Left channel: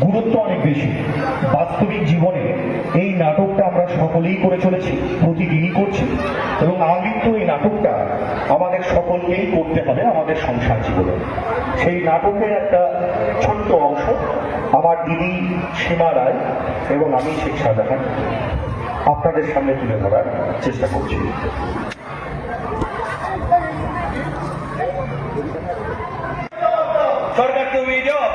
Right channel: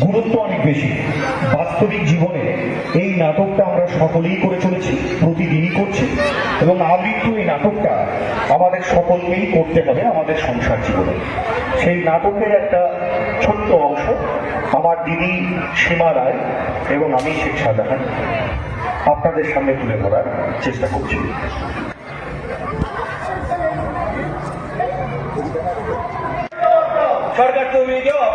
গুরুত্ব অনেক বেশি। বাস্তবিক জীবনে এই নাটকটা আমরা সকলেই করে চলেছি, প্রতিদিনই করছি এবং আমৃত্যু এই নাটকটা আমাদের সকলকেই করতে হবে আমাদের সংসার জীবনে। সেই নাটকের একটা ছোট্ট অংশ আমার দিদি সীমা রায় এবং আমি শেখ শাহজাহান আপনাদের সামনে তুলে ধরার চেষ্টা করছি। সরকার তুমি যাও।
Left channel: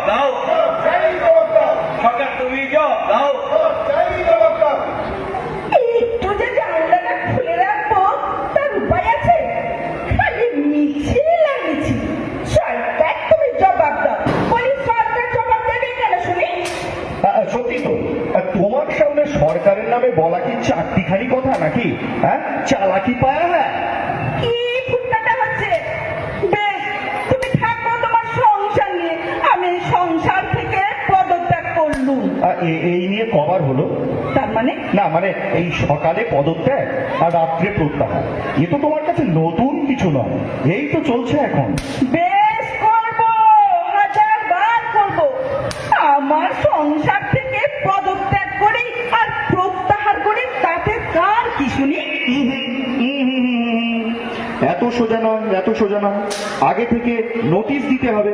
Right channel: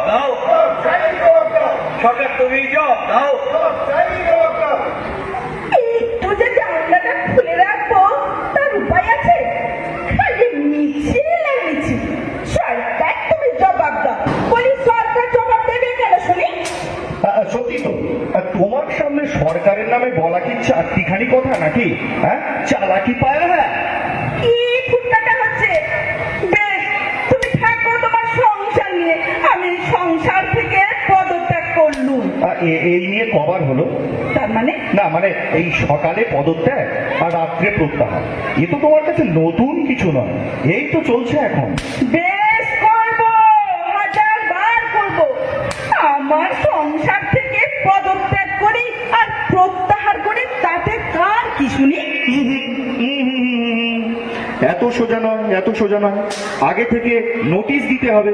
এই সকালে পদত্যাগ আর রাত্রে প্রত্যাহার। এ তো তোমার কাছে নতুন কিছু নয়। এই তো চলছে এখন। বেশ করব হাজার বার করব। আমার সংসার থেকে পদত্যাগ করি আর প্রত্যাহার করি তাতে কার কি শুনি এত সোজা নয় এত সোজা নয়। আগে থেকে নোটিশ দিতে হবে।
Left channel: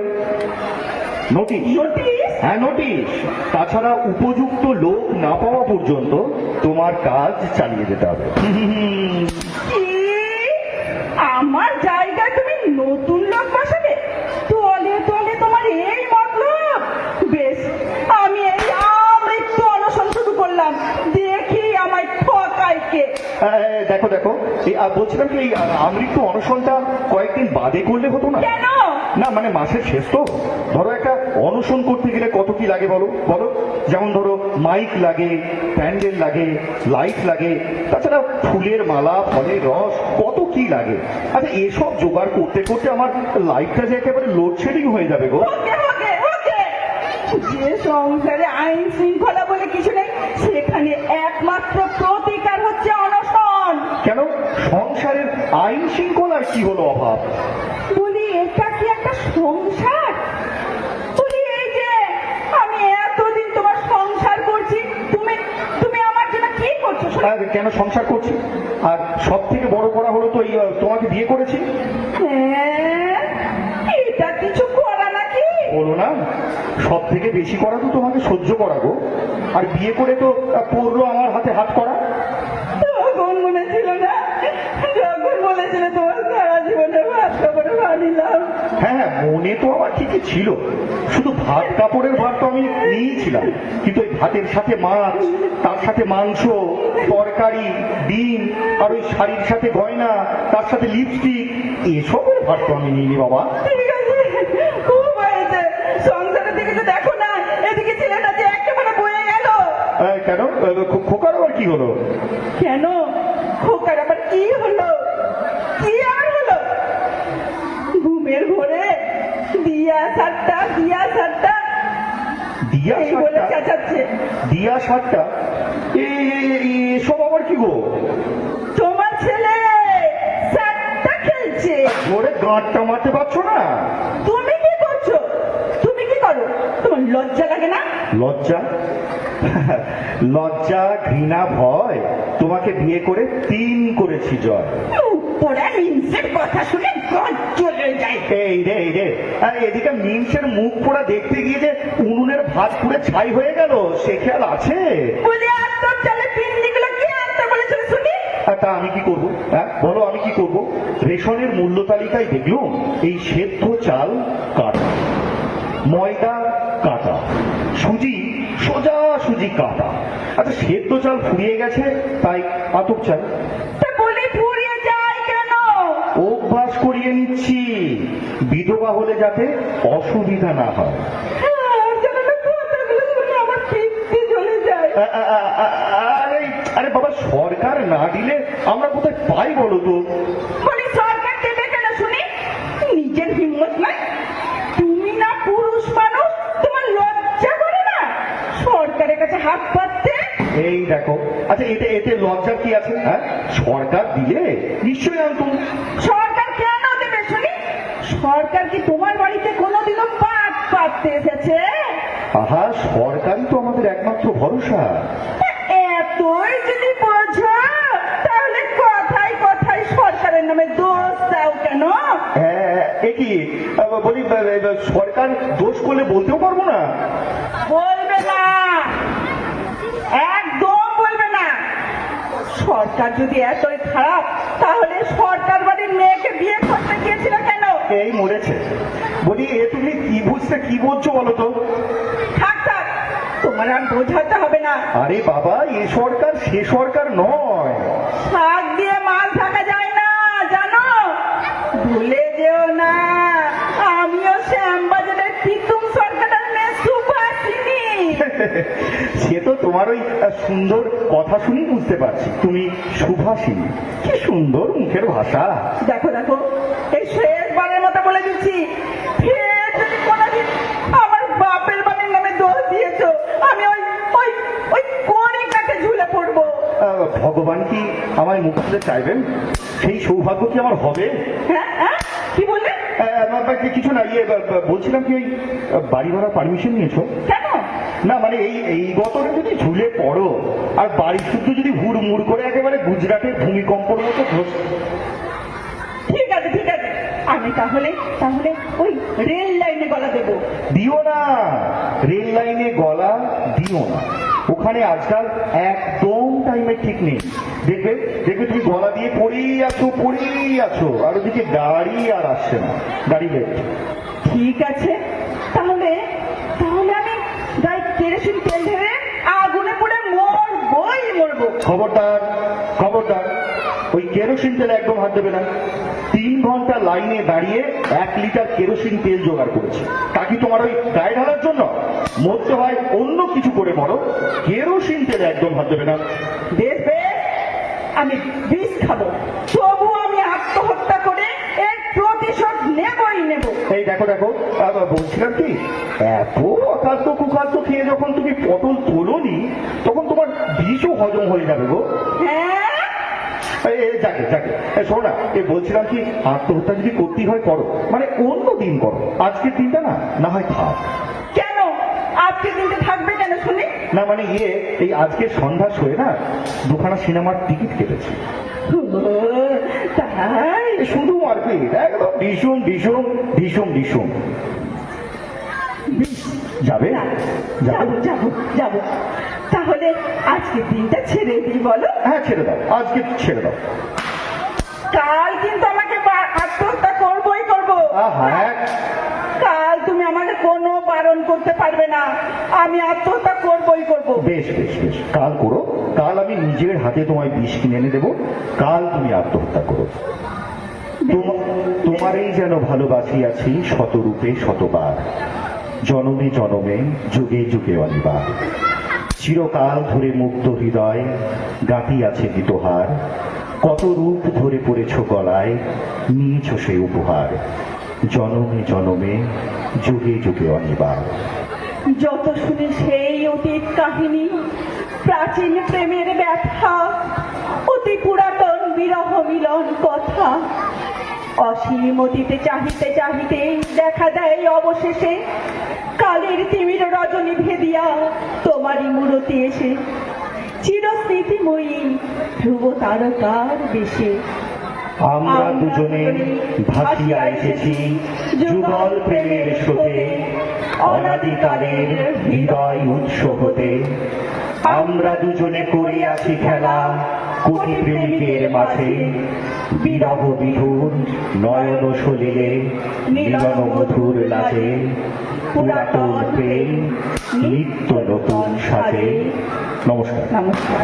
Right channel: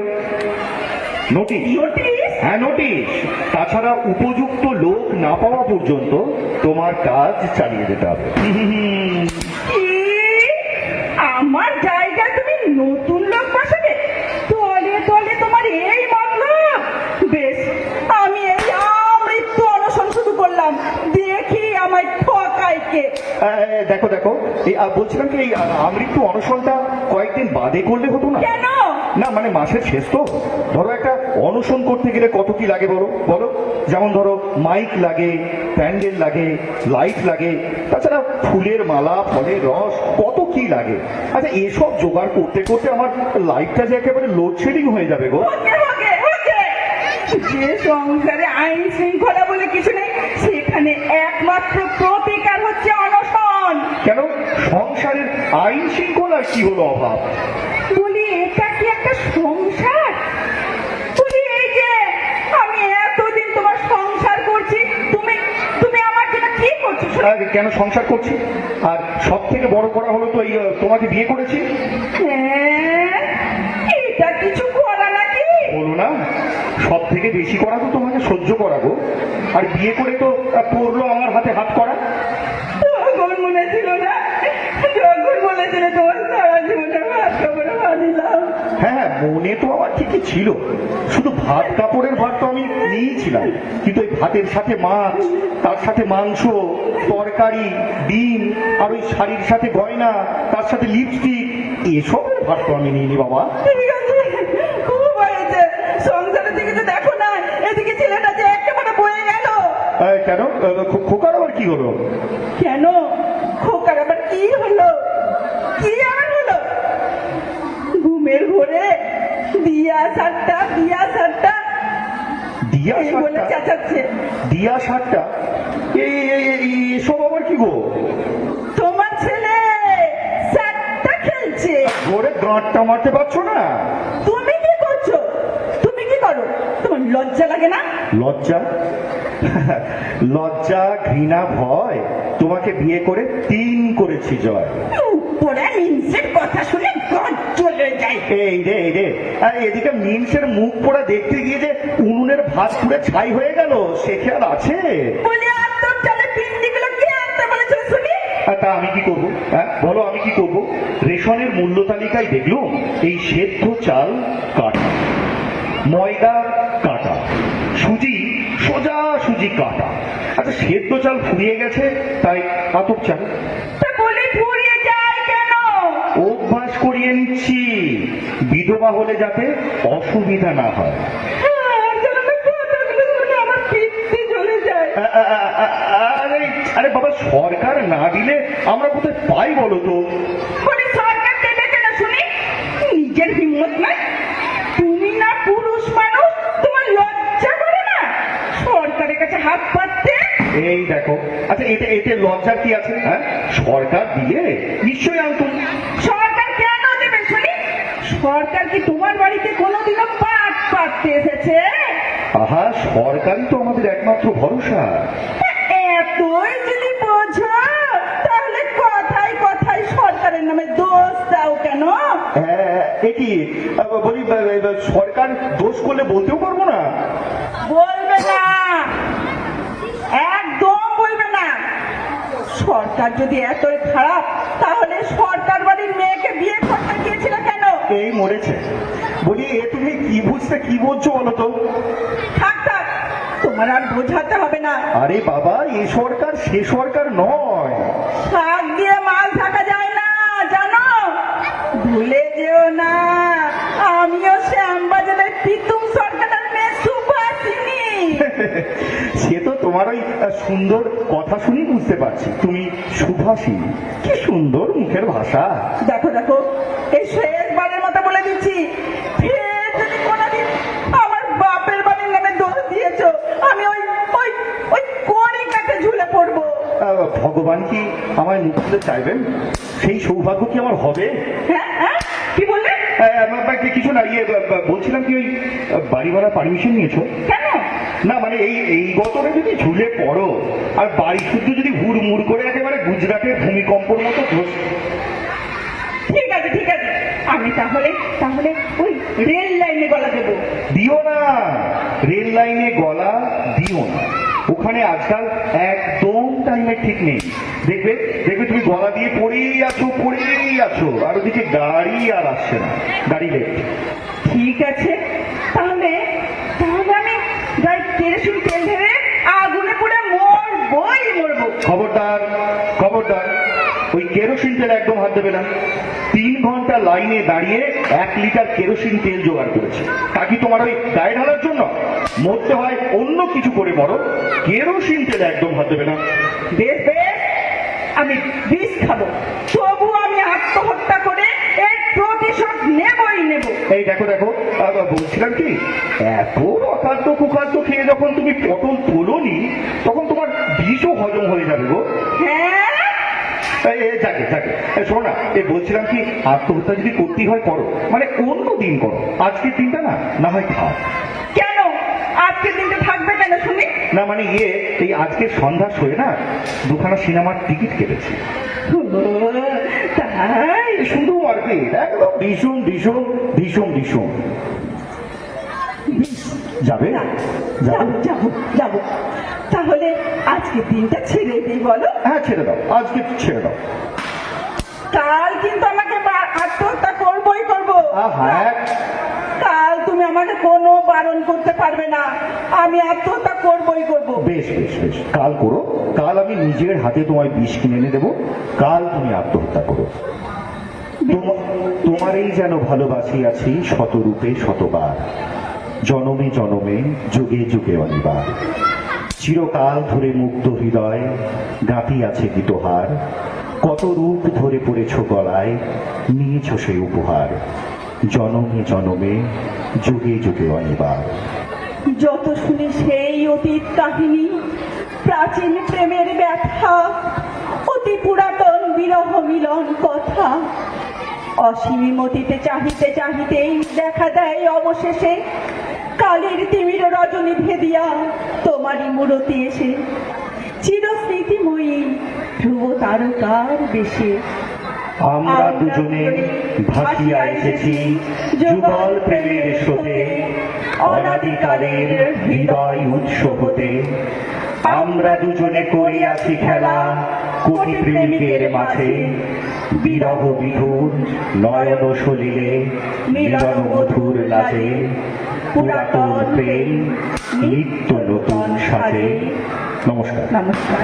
নোটিশ নোটিশ হ্যাঁ নোটিশ তাছাড়া উপযুক্ত পাওয়া পর্যন্ত তোমার কাজ চালিয়ে যেতে হবে। আমার জায়গায় তুমি নতুন লোক বসাবে তলে তলে তোমার এই মতলব? বেশ আমি এই আমৃত্যু অনশন শুরু করলাম। দেখি ঠকায় কে? দেখো দেখো এই আহ, বলছিলাম কি এই আমৃত্যু অনশনটা কয়েকদিন বাদে করলে হতো না? না মানে মাসের শেষ তো। ধরো একটা অনশন করতে গেলে কত কি লাগে বলো? বলো? যেমন ধরো মাইক লাগে প্যান্ডেল লাগে লাইট লাগে তাছাড়া ফুলের মালা ফলের রস কত কি লাগে। আচ্ছা এসব জোগাড় করতে করতে আমার লাইফটা যে একেবারে লোডশেডিং হয়ে যাবে গো। যে সংসারে আইন শৃঙ্খলা বলে কিছু নেই সেখানে একমাত্র প্রতিকার হচ্ছে অনশন কেন? সংসারের আইন শৃঙ্খলার কি হলো অভাব বলি এটা কি একটা সংসার বলি এই যে আমি এতদিন তোমার সংসার করছি তুমি তুমি আমার জন্য কি করছ শুনি? আর কেন সংসার করছি আর সব থেকে বড় করা হলো তো এই আহ, তোমাকে বিয়ে করেছি হ্যাঁ, এটা কিছু করা নাকি বলো না সব থেকে বেশি করা তো সহ্য করাবো। আর বিয়ে করে তো পড়ল আমার হাতে হাত করা। তখন মনে ছিল না যখন বলেছিলে তোমার সারা জীবনে ভাত খাবার মানিলাম। হ্যাঁ হ্যাঁ মনে তো আমার ঠিকই ছিল। শুধু ভাত কাপড়ের ভাত তো আমি নিয়েছিলাম কিন্তু এই ভাতের সাথে মাছ তার সাথে মাংস তরকারি ডিম আর ওই শাড়ির সাথে গয়না তার সাথে লিপস্টিক এসবের ভাত তো আমি নিইনি বাবা ঠিক আছে ও হয়েছে সংসারের দিকে তো দেখো না এদিকে ছেলেটা যে একেবারে কয়ে গেল কেন? খো- খোকার আবার কি হলো? কেন? খোকার আবার কি হলো? কি আর হলো? ঘুমের ঘোরে দিয়া সাতটা দিয়া সাতটা দিয়া এই বলে? চেঁচাচ্ছে। দিয়া সাতটা এই এই এই- এসব আবার কি গো? তোমার ছেলে সাতটা খেলছে। ওরে গাঁটটা মারতে পারছ না? তুমি কি করছ? তুমি কি করো? তোমার লজ্জা লাগে না? লজ্জা? লজ্জা ঘৃণা ভয় তোমাকে বিয়ে করে তিন করেছি জয়। উপরে মিনসের কথা শুনে গজ চলে যায়। এই রে এই রে এদিকে মিমসের মুখ পোড়া দেখতে গিয়ে যে উনুনের ভাত পুরো ছাই হয়ে গেল সে খেয়াল আছে? তা আমি কি করব? হ্যাঁ বলো আমি কি করব? রেশনের মূল্য তালিকায় দেখলাম এই সেদ্ধ চাল কাটা ময়দা কাটা সুজি সোজা সুজি কাটা আচ্ছা সেদ্ধ চাল ফুরিয়ে গেছে তাই আতপ চাল। অভ্যাস করিয়ে নিচ্ছি। বিধবা হলে যাতে অসুবিধা না হয়। কি আছে? হ্যাঁ? সরকার দিলে নিশ্চয়ই আনতো। সরকার কেন দেবে শুনি? সরকার কি তোমার বাড়িতে কোনোদিনও পাট পাততে এসেছে? আহা সরকারই তো আমাদের একমাত্র ভরসা। সরকার যদি এতই খারাপ তাহলে সরকার বাড়ির মেয়েকে বিয়ে করতে গিয়েছিল কেন? এই মরেছে। বলি এ তুমি কি বুঝতে কি বলছো বলো তো? থাক থাক তোমার আর বোঝাতে হবে না। আরে বাবা এ সরকার সে সরকার নয়। শাক দিয়ে মাল থাকা যায় না জানো? ভুলে যেও না আমিও শ্যামবাজারের পিতুম সরকারের মেয়ে সুভাষিনী। সে তো তোমার ওই সুন্দর কথা শুনেই বুঝতে পারছি। তুমি সুভাষিনী কি সুন্দর মুখের ভাষা। দেখো দেখো এই শেষবারের মতো বলে দিচ্ছি আমার বাপের বাড়ির নামে দোষ দিয়েছ। আমি ওই ওই ঝুলে পড়ব। ভগবান কি আমার মুখ চাইবেন? সেই সৌভাগ্য কি আমার হবে? হ্যাঁ হ্যাঁ কি বললে? আহ, আমার কিছু না ইয়ে বলছিলাম কি ওই বাড়ি ভাড়া পারমিশন নিয়েছো? কেন? না মানে এই এই গতটা যদি ঝুলে পড়ো আর বাড়ি শুদ্ধ যদি হুড়মুড় করে একেবারে গুজরাটের ভূমিকম্পের মতো ধস ঠিক আছে ঠিক আছে। আমি তাহলে তাহলে ওই রেল লাইনে গলা দেবো। দিও না। রেল লাইনে গলা দিও না। ওখানে আজকাল একদম টাইমের ঠিক নেই। দেখবে দেখবে তুমি গলা দিয়ে পড়েই আছো পড়েই আছো। আর ওদিকে গাড়ি আর আসছে না। গাড়ি লেট ঠিক আছে তাহলে তাহলে আমি গাই কেরোসিন তেল ধরে আগুনে পড়ে মরবই মরবো খবরদার খবরদার ওই কেরোসিন তেল একদম হাত দেবে না তিন ঘণ্টা লাইনে দাঁড়িয়ে এক লিটার কেরোসিন তেল জোগাড় করেছি। তা কি তোমার ওই গায়ে ঢালার জন্য? মরতে হয় অন্য কিছু করে মরো। কেরোসিন তেল একদম হাত দেবে না। আমি বিষ খাব। তবু আমি আত্মহত্যা করে এর প্রতিশোধ নেবই নেব। এই দেখো দেখো বলছিলাম কি? এত অখাদ্য কুখাদ্য খেয়ে যখন তুমি পটল তোলোনি তখন তোমার বিষও হজম হয়ে যাবে গো। হ্যাঁ এই শোনো না এই বলছিলাম কি আত্মহত্যা যদি করতেই হয় করো। মানে অন্য দিন করো। আজকের দিনটা না না হয় খাও কেন? আজকে দিনটা থাকবে কেন শুনি? না মানে ইয়ে এই আজকে সন্ধ্যা শোয়ে না দুখানা সিনেমার টিকিট কেটেছি। তাই? শুধু আর কি একদম ভীষণ ভীষণ ভীষণ ভীষণ। যাবে যাবে যাব যাব যাব। তাহলে আজকে দিনটা ছেড়ে দিই বলো। হ্যাঁ ছেড়ে দাও। আজকে কাল কিন্তু আমাকে আত্মহত্যা করবোই করব। কাল তুমি আমাকে কোনো বারণ করতে পারবে না। আমি আত্মহত্যা করবোই করব। বেশ বেশ বেশ। কাল করো। কাল আমি নিজের হাতে তোমায় বিষ কিনে এনে দেবো। কাল তুমি আত্মহত্যা করো। তোমারই যেন ভালোবাসি আছি শতরূপে শতবার। জনমে জনমে যুগে যুগে অনিবার। চিরকাল ধরে মুগ্ধ হৃদয় গাঁথি আছে গীতহার কত রূপ ধরে পড়েছ গলায়, নিয়েছ সে উপহার। জনমে জনমে, যুগে যুগে অনিবার। যত শুনি সেই অতীত কাহিনী, প্রাচীন প্রেমের ব্যথা, অতি পুরাতন বিরহ মিলন কথা, অসীম অতীতে চাহিতে চাহিতেই দেখা দেয় অবশেষে কালের তারকার দেশে। আমরা দুজনে ভাসিয়া এসেছি যুগল প্রেমের স্রোতে অনাদিকালের হৃদয় উৎস হতে। আমরা দুজনে করে আছি খেলা কোটি প্রেমিকের মাঝে। বিরহ বিধুর নয়ন সলিলে মিলন মধুর লাজে পুরাতন প্রেম নিত্য নতুন সাথে। নমস্কার। নমস্কার।